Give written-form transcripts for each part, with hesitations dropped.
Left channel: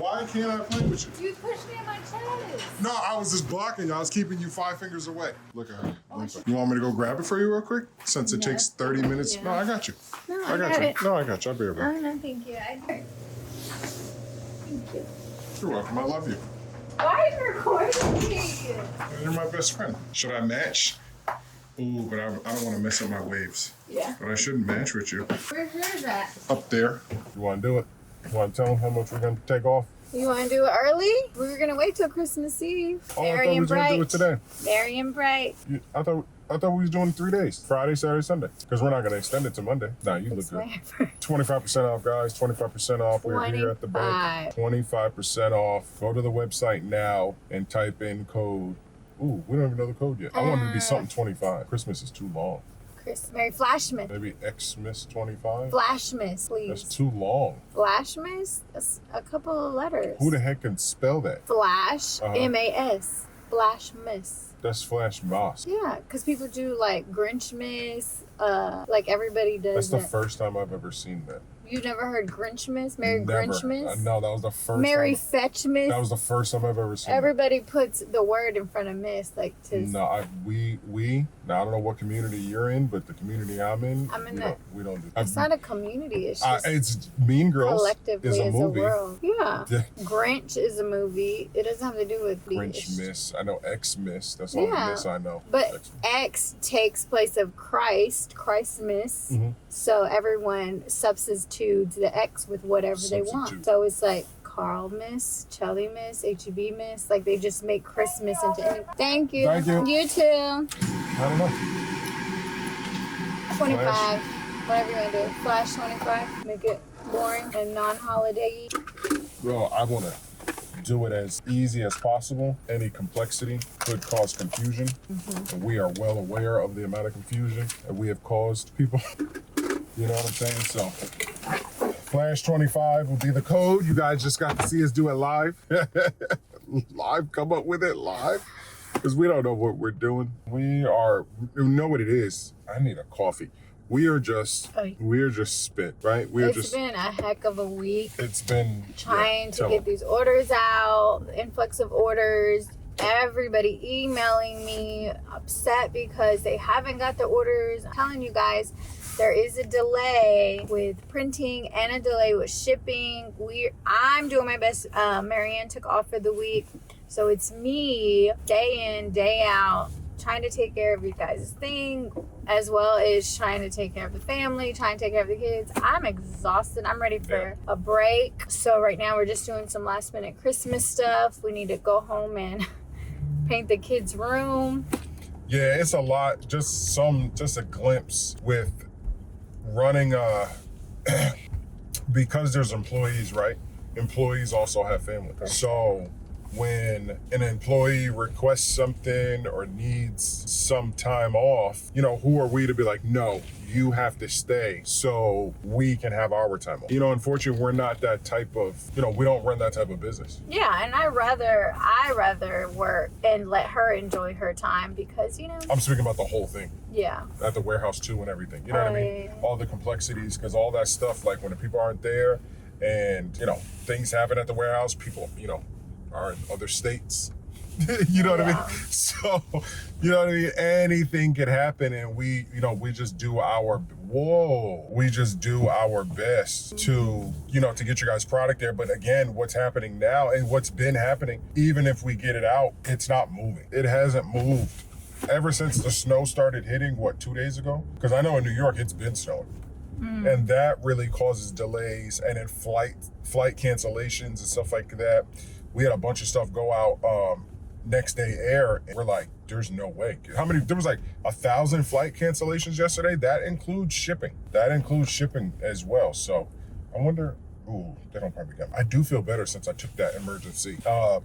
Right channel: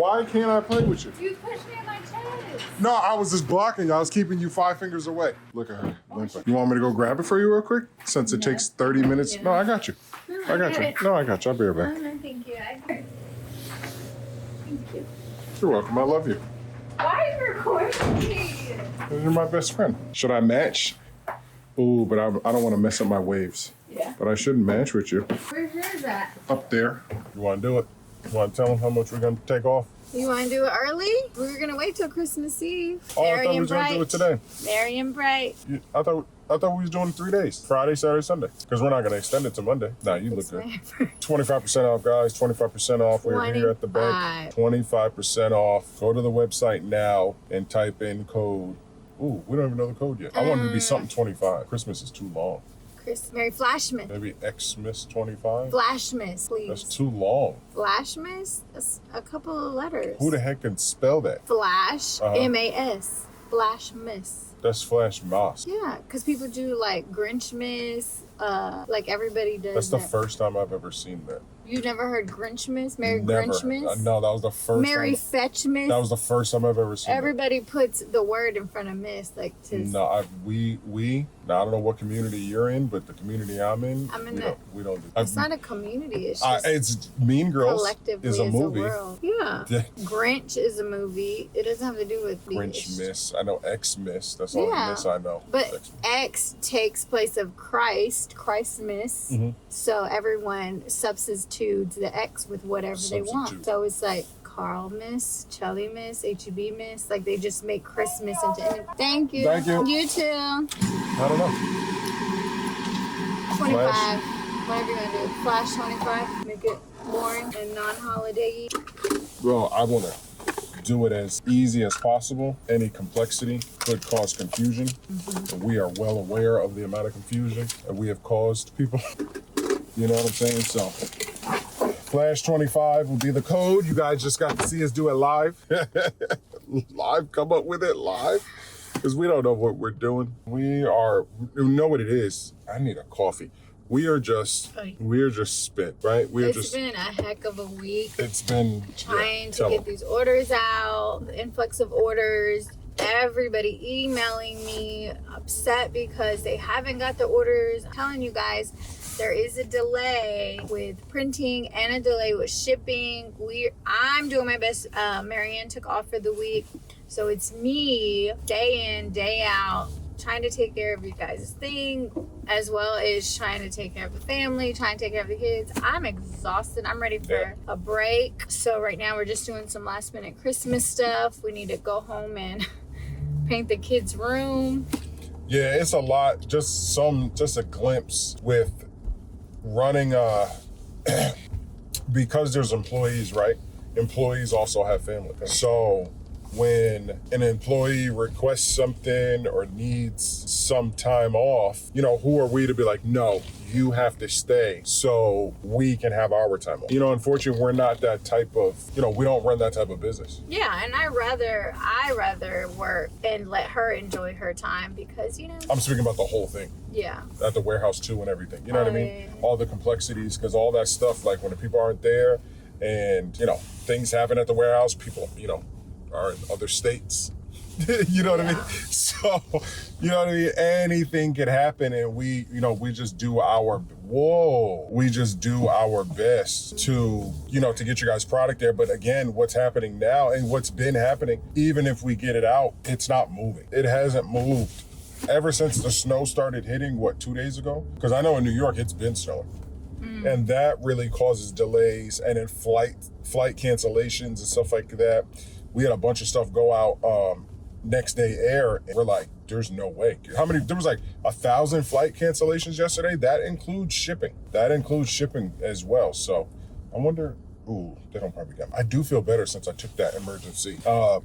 Why can't I play with you? You pushed me in my chest. No, I was just blocking you. I was keeping you 5 fingers away. Look at her. You want me to go grab it for you real quick? Since it takes 30 minutes. Yeah. No, I got you. No, I got you. No, I got you. I'll be right back. No, thank you. Thank you. You're welcome. I love you. Why are you recording me? You're my best friend. Should I match? Ooh, but I don't want to mess up my waves. Yeah. But I shouldn't match with you. Where's yours at? Up there. You want to do it? You want to tell them how much we're going to take off? You want to do it early? We were going to wait till Christmas Eve. Oh, I thought we was going to do it today. Merry and bright. I thought we was doing 3 days. Friday, Saturday, Sunday. Because we're not going to extend it to Monday. Nah, you look good. 25% off, guys. 25% off. We're here at the bank. 25% off. Go to the website now and type in code. Ooh, we don't even know the code yet. I want it to be something 25. Christmas is too long. Merry Flashmas. Maybe Xmas 25? Flashmas, please. That's too long. Flashmas? That's a couple of letters. Who the heck can spell that? Flash, M-A-S. Flashmas. That's Flash Moss. Yeah, because people do like Grinchmas, like everybody does. That's the first time I've ever seen that. You've never heard Grinchmas? Merry Never. Grinchmas? No, that was the first Merry time. Fetchmas? That was the first time I've ever seen Everybody puts the word in front of miss, like to... No, I don't know what community you're in, but the community I'm in, we don't do. It's not a community, it's just it's Mean Girls collectively is a as movie. a world. Yeah. Grinch is a movie. It doesn't have to do with Grinch Miss. I know Xmas. That's all the Miss I know. But X takes place of Christmas. Mm-hmm. So everyone substitutes the X with whatever they want. So it's like Carl Miss, Chelly Miss, HEB Miss. Like they just make Christmas into anything. Thank you. Thank you. You too. I don't know. 25. Whatever you want to do. Flash 25. Make it boring and non-holiday. Well, I want to do it as easy as possible. Any complexity could cause confusion. Mm-hmm. We are well aware of the amount of confusion that we have caused people. You know what I'm saying? So, Flash25 will be the code. You guys just got to see us do it live. Live, come up with it live. Because we don't know what we're doing. We know what it is. I need a coffee. We are just spent, right? It's been a heck of a week. It's been trying to get these orders out, the influx of orders, everybody emailing me upset because they haven't got the orders. I'm telling you guys, there is a delay with printing and a delay with shipping. I'm doing my best. Marianne took off for the week. So it's me, day in, day out, trying to take care of you guys' thing, as well as trying to take care of the family, trying to take care of the kids. I'm exhausted. I'm ready for a break. So right now we're just doing some last minute Christmas stuff. We need to go home and paint the kids' room. Yeah, it's a lot. Just a glimpse with running because there's employees, right? Employees also have family. So when an employee requests something or needs some time off, who are we to be like, no, you have to stay so we can have our time off? Unfortunately, we're not that type of, we don't run that type of business. Yeah, and I rather work and let her enjoy her time because, I'm speaking about the whole thing. Yeah. At the warehouse too and everything. You know what I mean? Yeah. All the complexities, because all that stuff, like when the people aren't there and, things happen at the warehouse, people, are in other states. You know what I mean? So, you know what I mean? Anything could happen and we just do our best to, to get your guys' product there. But again, what's happening now and what's been happening, even if we get it out, it's not moving. It hasn't moved ever since the snow started hitting, 2 days ago? Because I know in New York, it's been snowing. And that really causes delays and then flight cancellations and stuff like that. We had a bunch of stuff go out next day air. And we're like, there's no way. There was like 1,000 flight cancellations yesterday. That includes shipping. As well. So I wonder, they don't probably get me. I do feel better since I took that emergency.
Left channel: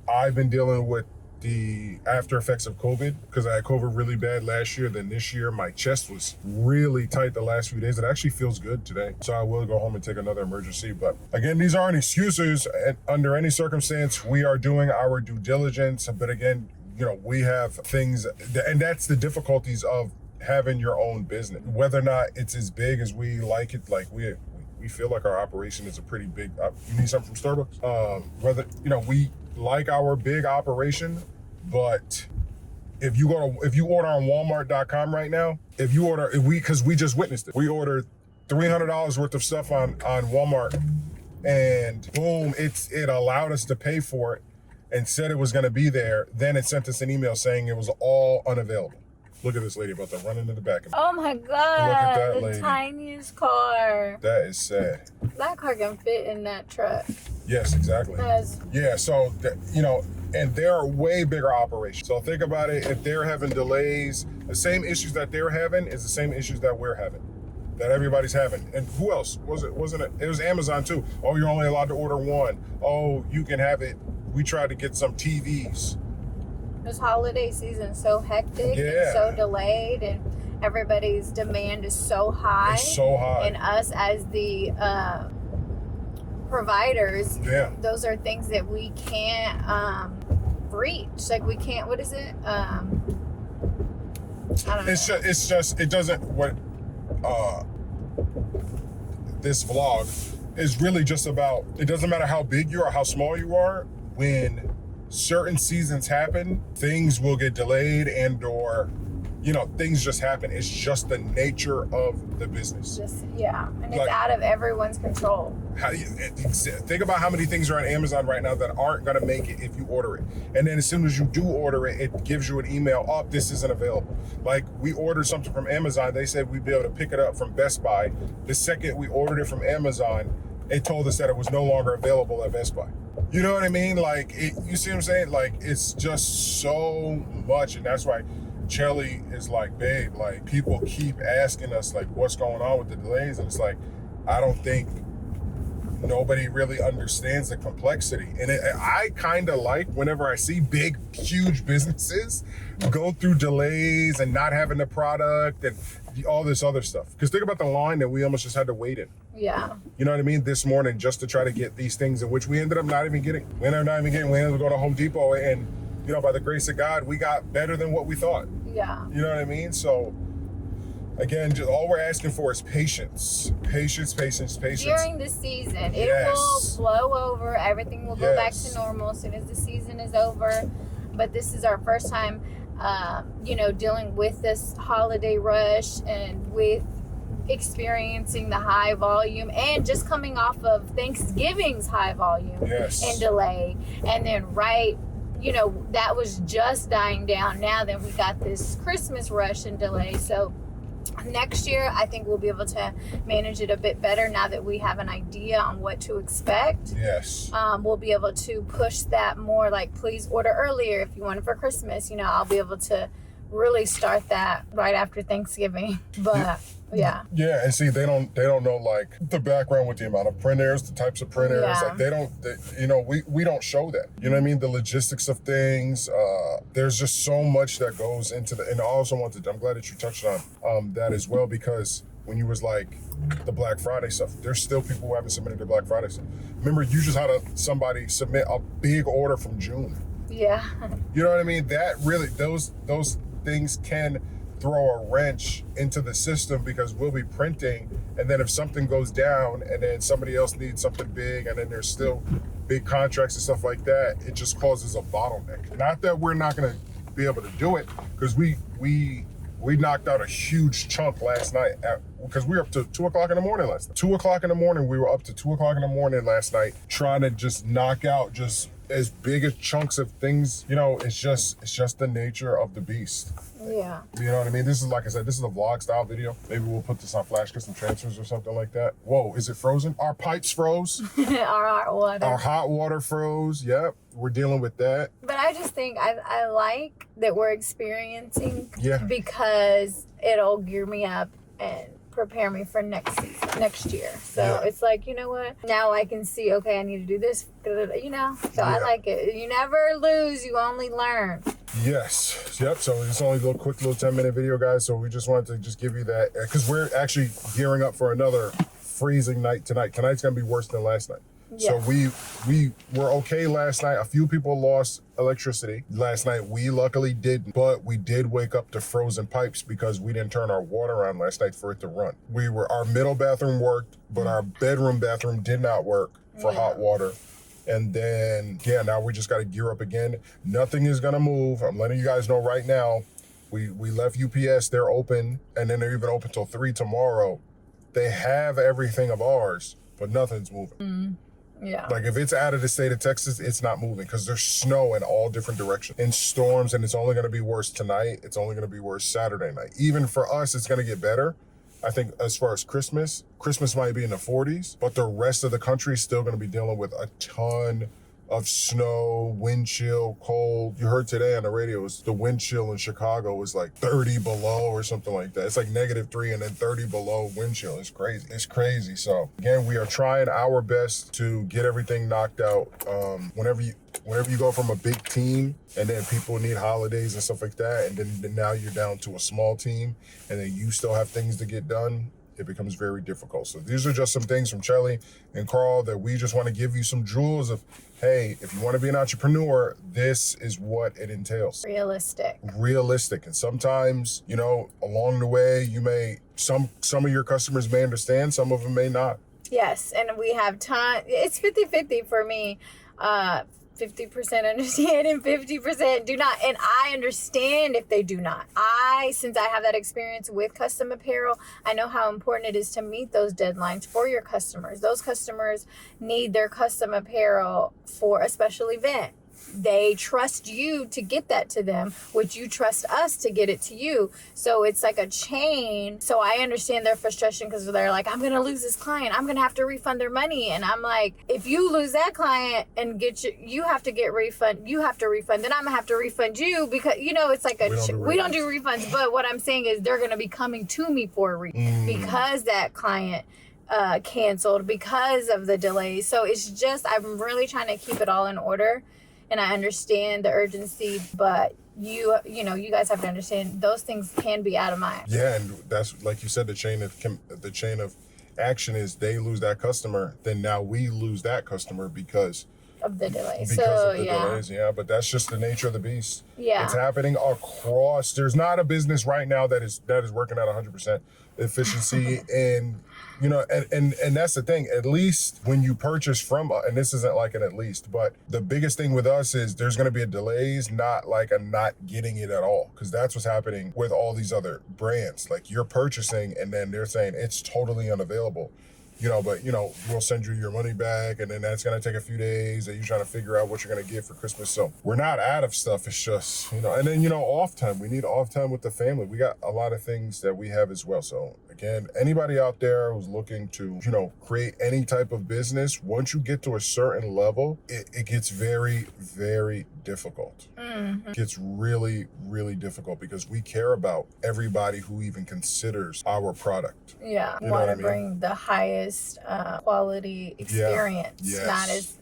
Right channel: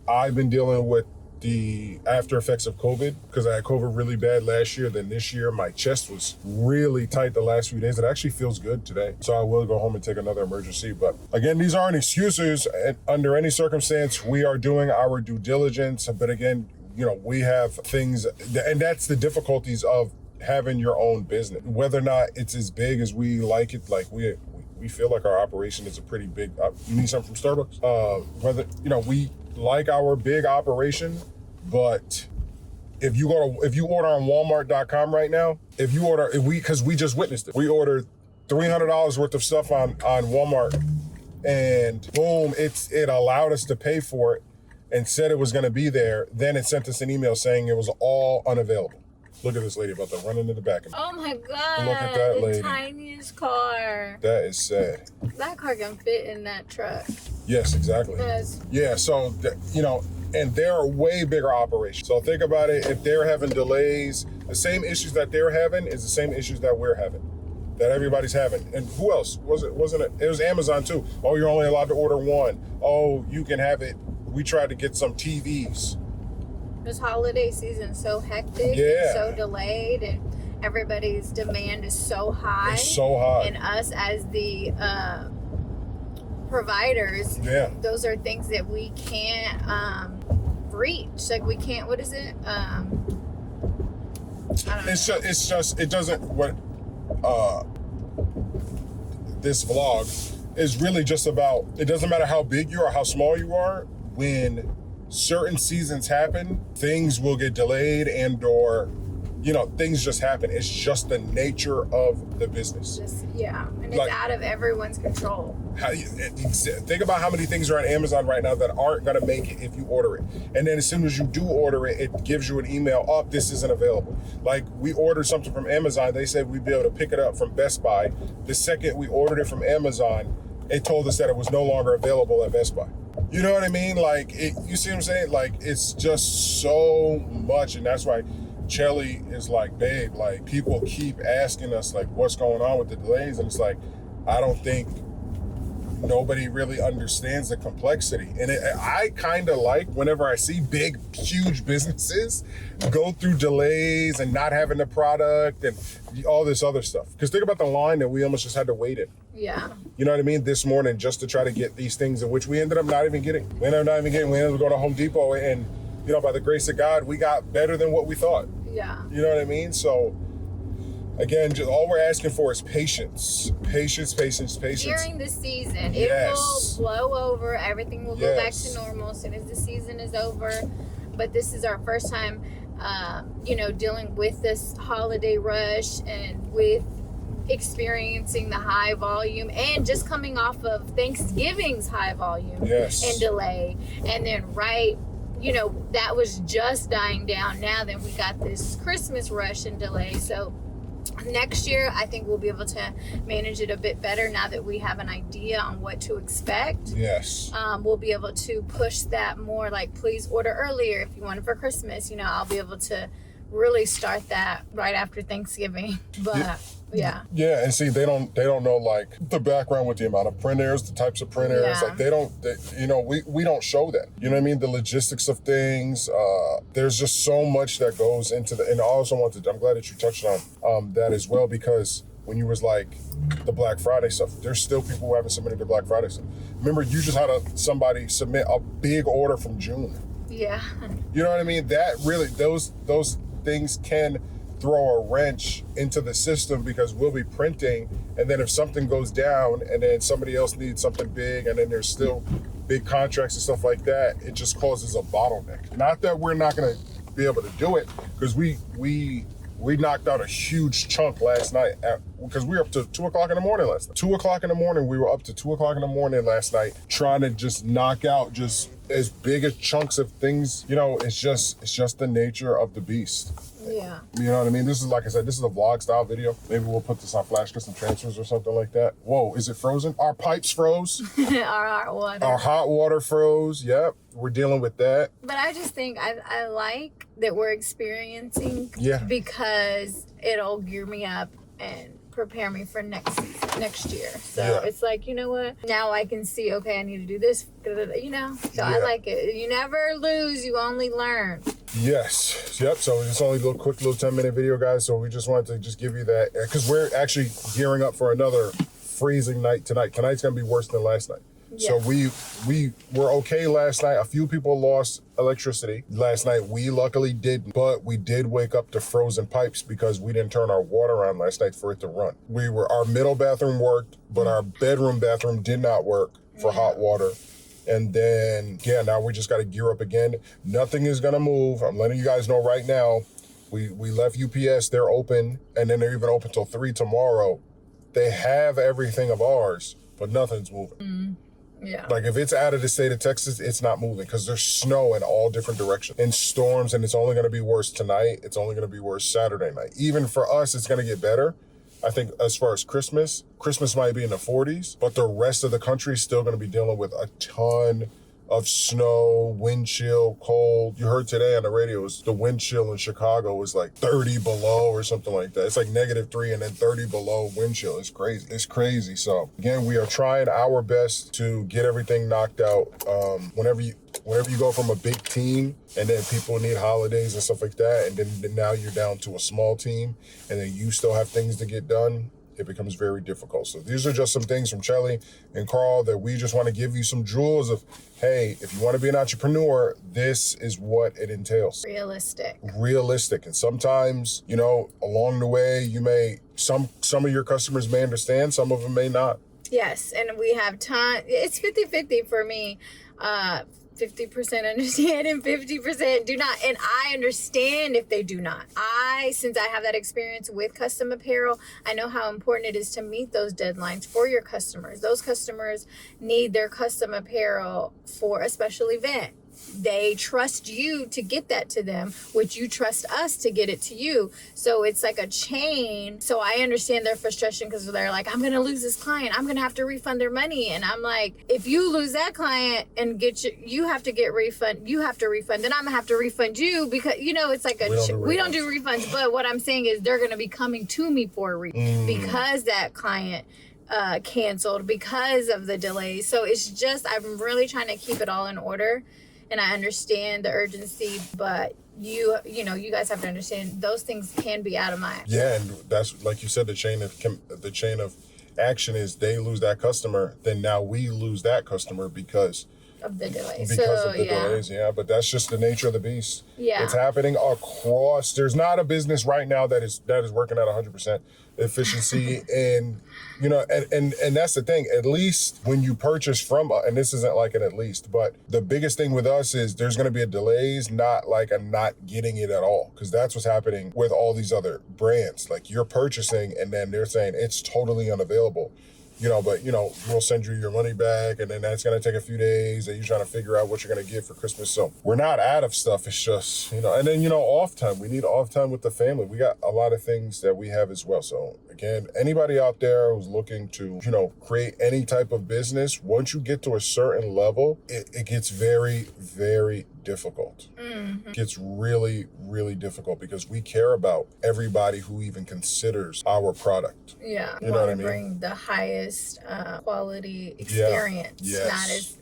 I've been dealing with the after effects of COVID because I had COVID really bad last year. Then this year, my chest was really tight the last few days. It actually feels good today. So I will go home and take another emergency. But again, these aren't excuses. Under any circumstance, we are doing our due diligence. But again, we have things, and that's the difficulties of having your own business. Whether or not it's as big as we like it, like we we feel like our operation is a pretty big, you need something from Starbucks? Whether, you know, we like our big operation, but if you order on Walmart.com right now, because we just witnessed it. We ordered $300 worth of stuff on Walmart, and boom, it allowed us to pay for it and said it was going to be there. Then it sent us an email saying it was all unavailable. Look at this lady about to run into the back of me. Oh my God. Look at that lady. The tiniest car. That is sad. That car can fit in that truck. Yes, exactly. Yes. Yeah, so, you know, and they're a way bigger operation. So think about it. If they're having delays, the same issues that they're having is the same issues that we're having, that everybody's having. And who else? Wasn't it? It was Amazon too. Oh, you're only allowed to order one. Oh, you can have it. We tried to get some TVs. This holiday season so hectic and so delayed, and everybody's demand is so high. It's so high. And us as the providers, those are things that we can't reach. Like we can't, what is it? I don't know. It doesn't, this vlog is really just about, it doesn't matter how big you are, how small you are, when certain seasons happen, things will get delayed and/or, you know, things just happen. It's just the nature of the business. And it's out of everyone's control. Think about how many things are on Amazon right now that aren't going to make it if you order it. And then as soon as you do order it, it gives you an email, oh, this isn't available. Like we ordered something from Amazon. They said we'd be able to pick it up from Best Buy. The second we ordered it from Amazon, it told us that it was no longer available at Best Buy. You know what I mean? Like, you see what I'm saying? Like, it's just so much. And that's why Chelly is like, babe, like, people keep asking us, like, what's going on with the delays? And it's like, I don't think nobody really understands the complexity. And I kind of like whenever I see big, huge businesses go through delays and not having the product and all this other stuff. Because think about the line that we almost just had to wait in. Yeah. You know what I mean? This morning, just to try to get these things, in which we ended up not even getting. We ended up going to Home Depot, and, you know, by the grace of God, we got better than what we thought. Yeah. You know what I mean? So, again, just all we're asking for is patience. Patience. During the season, it will blow over. Everything will go back to normal as soon as the season is over. But this is our first time, you know, dealing with this holiday rush and with experiencing the high volume and just coming off of Thanksgiving's high volume and delay. And then you know, that was just dying down. Now then we got this Christmas rush and delay. So next year, I think we'll be able to manage it a bit better now that we have an idea on what to expect. Yes. We'll be able to push that more, like, please order earlier if you want it for Christmas. You know, I'll be able to really start that right after Thanksgiving. But yeah, and see, they don't know, like, the background with the amount of printers, the types of printers. Like, you know, we don't show that. You know what I mean? The logistics of things. There's just so much that goes into and I also I'm glad that you touched on that as well, because when you was like the Black Friday stuff, there's still people who haven't submitted their Black Friday stuff. Remember, you just had somebody submit a big order from June. Yeah. You know what I mean? That really, those things can throw a wrench into the system, because we'll be printing, and then if something goes down and then somebody else needs something big, and then there's still big contracts and stuff like that, it just causes a bottleneck. Not that we're not going to be able to do it, because we knocked out a huge chunk last night because we were up to 2 o'clock in the morning last night. 2 o'clock in the morning, we were up to 2 o'clock in the morning last night trying to just knock out just as big as chunks of things. You know, it's just the nature of the beast. Yeah. You know what I mean? This is, like I said, this is a vlog style video. Maybe we'll put this on Flash Custom Transfers or something like that. Whoa, is it frozen? Our pipes froze. Our hot water froze. Yep. We're dealing with that. But I just think I like that we're experiencing, because it'll gear me up and prepare me for next year. So it's like, you know what? Now I can see, okay, I need to do this, you know? So I like it. You never lose, you only learn. Yes. Yep. So it's only a quick little 10-minute video, guys. So we just wanted to just give you that, because we're actually gearing up for another freezing night tonight. Tonight's going to be worse than last night. So we were okay last night. A few people lost electricity last night. We luckily didn't, but we did wake up to frozen pipes because we didn't turn our water on last night for it to run. Our middle bathroom worked, but our bedroom bathroom did not work for hot water. And then, now we just got to gear up again. Nothing is going to move. I'm letting you guys know right now. We left UPS. They're open, and then they're even open till 3 tomorrow. They have everything of ours, but nothing's moving. Yeah. Like if it's out of the state of Texas, it's not moving because there's snow in all different directions and storms, and it's only going to be worse tonight. It's only going to be worse Saturday night. Even for us, it's going to get better. I think as far as Christmas might be in the 40s, but the rest of the country is still going to be dealing with a ton of snow, wind chill, cold. You heard today on the radio, the wind chill in Chicago was like 30 below or something like that. It's like -3 and then 30 below wind chill. It's crazy. It's crazy. So again, we are trying our best to get everything knocked out. Whenever you go from a big team and then people need holidays and stuff like that, and then now you're down to a small team and then you still have things to get done, it becomes very difficult. So these are just some things from Shelly and Carl that we just want to give you some jewels of, hey, if you want to be an entrepreneur, this is what it entails. Realistic. And sometimes, along the way, some of your customers may understand, some of them may not. Yes, and we have time. It's 50-50 for me. 50% understand and 50% do not. And I understand if they do not. Since I have that experience with custom apparel, I know how important it is to meet those deadlines for your customers. Those customers need their custom apparel for a special event. They trust you to get that to them, which you trust us to get it to you. So it's like a chain. So I understand their frustration because they're like, I'm going to lose this client. I'm going to have to refund their money. And I'm like, if you lose that client and you have to get refund, you have to refund, then I'm going to have to refund you because, it's like we don't do refunds. But what I'm saying is they're going to be coming to me for a refund because that client canceled because of the delays. So it's just, I'm really trying to keep it all in order. And I understand the urgency, but you guys have to understand those things can be out of my. Yeah, and that's like you said, the chain of action is they lose that customer, then now we lose that customer because of the delays. Delays, yeah. But that's just the nature of the beast. Yeah, it's happening across. There's not a business right now that is working at 100% efficiency, and and that's the thing. At least when you purchase from, and this isn't like an at least, but the biggest thing with us is there's going to be a delays, not like a not getting it at all, because that's what's happening with all these other brands. Like you're purchasing, and then they're saying it's totally unavailable. But we'll send you your money back, and then that's gonna take a few days, and you're trying to figure out what you're gonna get for Christmas. So we're not out of stuff. It's just and then off time. We need off time with the family. We got a lot of things that we have as well. So again, anybody out there who's looking to create any type of business, once you get to a certain level, it gets very, very difficult. It gets really, really difficult because we care about everybody who even considers our product. Yeah, want to bring the highest quality experience,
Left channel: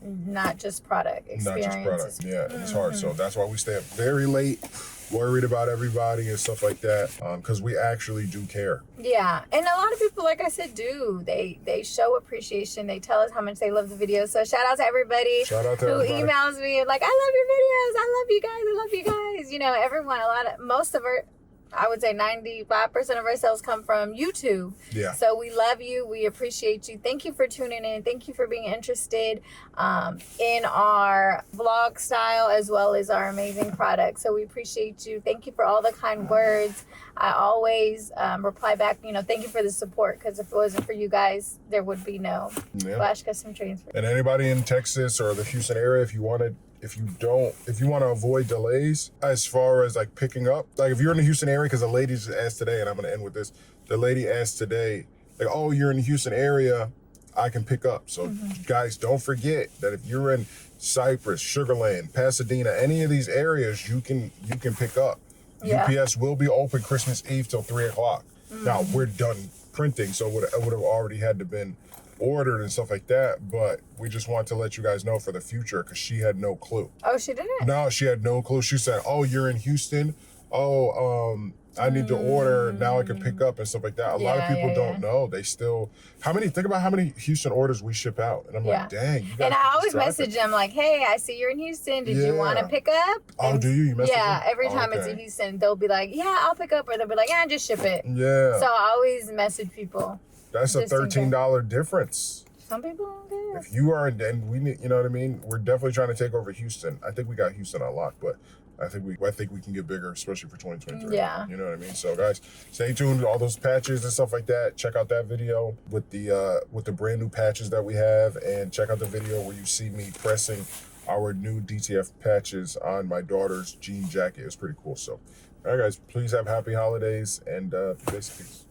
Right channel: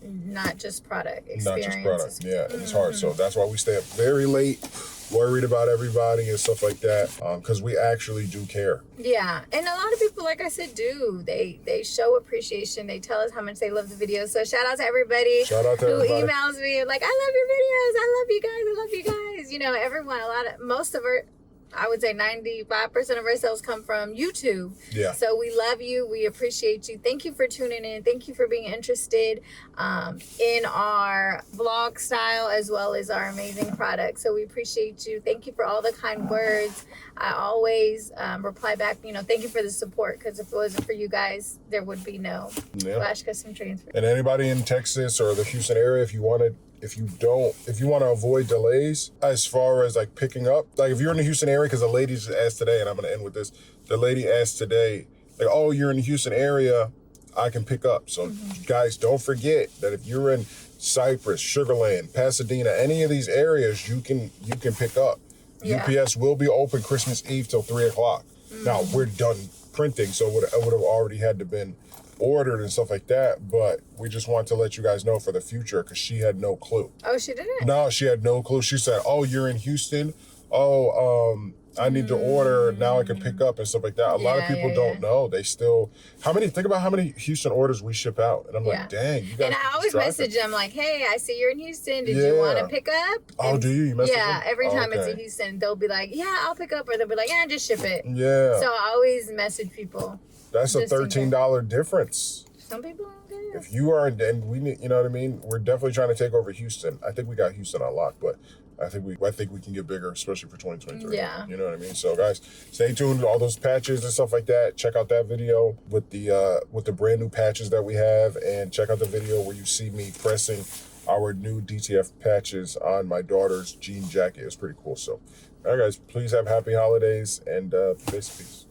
not just product experience. Not just product, yeah, and it's hard. So that's why we stay up very late, worried about everybody and stuff like that, because we actually do care. Yeah, and a lot of people, like I said, do. They show appreciation. They tell us how much they love the videos. So shout out to everybody who emails me and like, I love your videos. I love you guys. I love you guys. Everyone, most of our, I would say 95% of our sales come from YouTube. Yeah. So we love you. We appreciate you. Thank you for tuning in. Thank you for being interested in our vlog style as well as our amazing product. So we appreciate you. Thank you for all the kind words. I always reply back, thank you for the support, because if it wasn't for you guys, there would be no Flash Custom Transfer. And anybody in Texas or the Houston area, if you want to avoid delays as far as like picking up, like if you're in the Houston area, because the lady just asked today, and I'm going to end with this. The lady asked today, like, oh, you're in the Houston area, I can pick up. So guys, don't forget that if you're in Cypress, Sugar Land, Pasadena, any of these areas, you can pick up. Yeah. UPS will be open Christmas Eve till 3:00. Now we're done printing, so it would have already had to been ordered and stuff like that, but we just want to let you guys know for the future, because she had no clue. Oh, she didn't? No, she had no clue. She said, oh, you're in Houston? I need to order, now I can pick up and stuff like that. A lot of people don't know. They still, think about how many Houston orders we ship out. And I'm like, dang, you guys. And I always message them like, hey, I see you're in Houston. Did you want to pick up? Oh, do you? You message them? Every time it's in Houston, they'll be like, yeah, I'll pick up. Or they'll be like, yeah, just ship it. Yeah. So I always message people. That's a $13 difference. Some people don't care. If you are, and we need, you know what I mean? We're definitely trying to take over Houston. I think we got Houston on lock, but I think we can get bigger, especially for 2023. Yeah. You know what I mean? So guys, stay tuned to all those patches and stuff like that. Check out that video with the brand new patches that we have, and check out the video where you see me pressing our new DTF patches on my daughter's jean jacket. It's pretty cool. So, all right, guys, please have happy holidays and peace.